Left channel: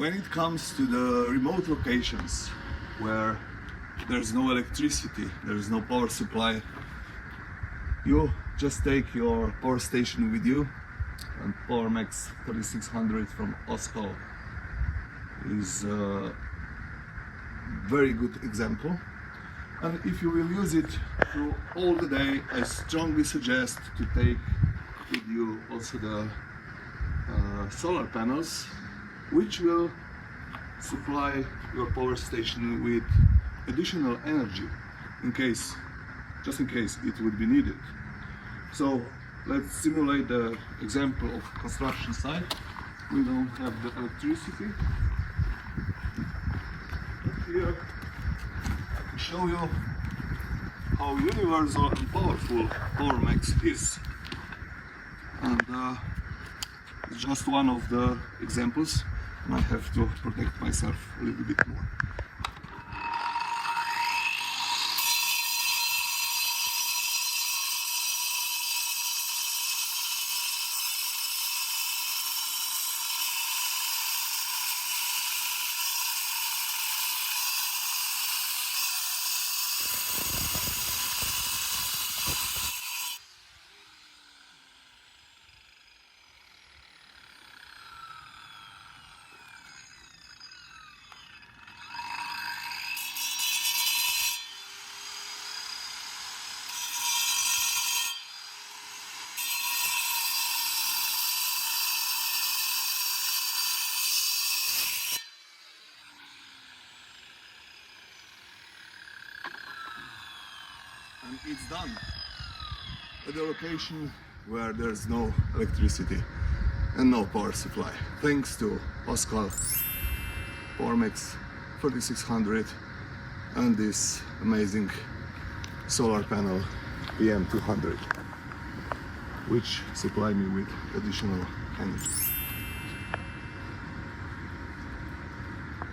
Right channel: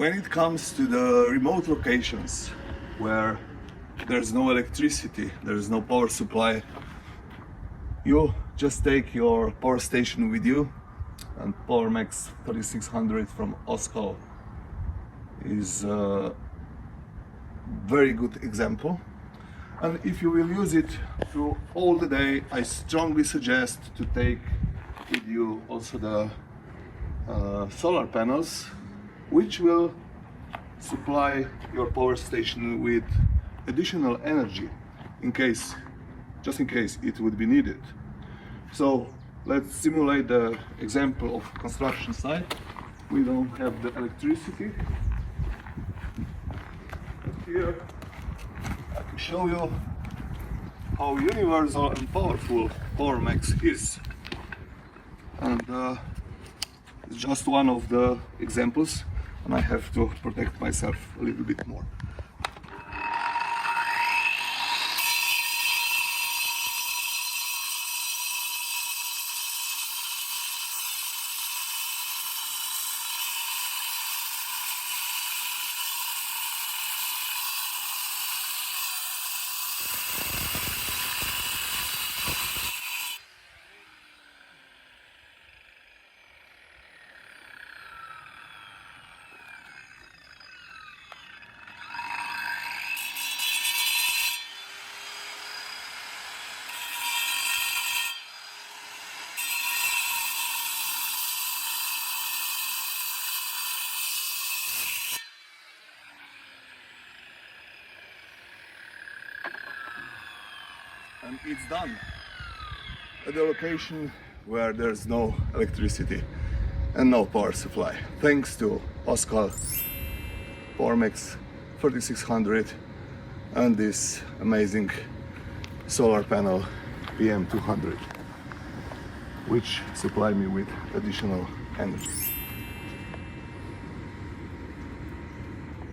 When it comes to the remote locations where there's no electricity, there's no power supply, you just take your power station with you, and PowerMax 3600 from OSCAL is a very good example. And if you will use it through all the day, I strongly suggest to take with you also the solar panels, which will supply your power station with additional energy just in case it would be needed. So let's simulate the example of construction site. We don't have the electricity, but here I can show you how universal and powerful PowerMax is. And it's just one of the examples, and I have to protect myself a little bit more. And it's done at a location where there's no electricity and no power supply, thanks to OSCAL PowerMax 3600 and this amazing solar panel PM200, which supply me with additional energy.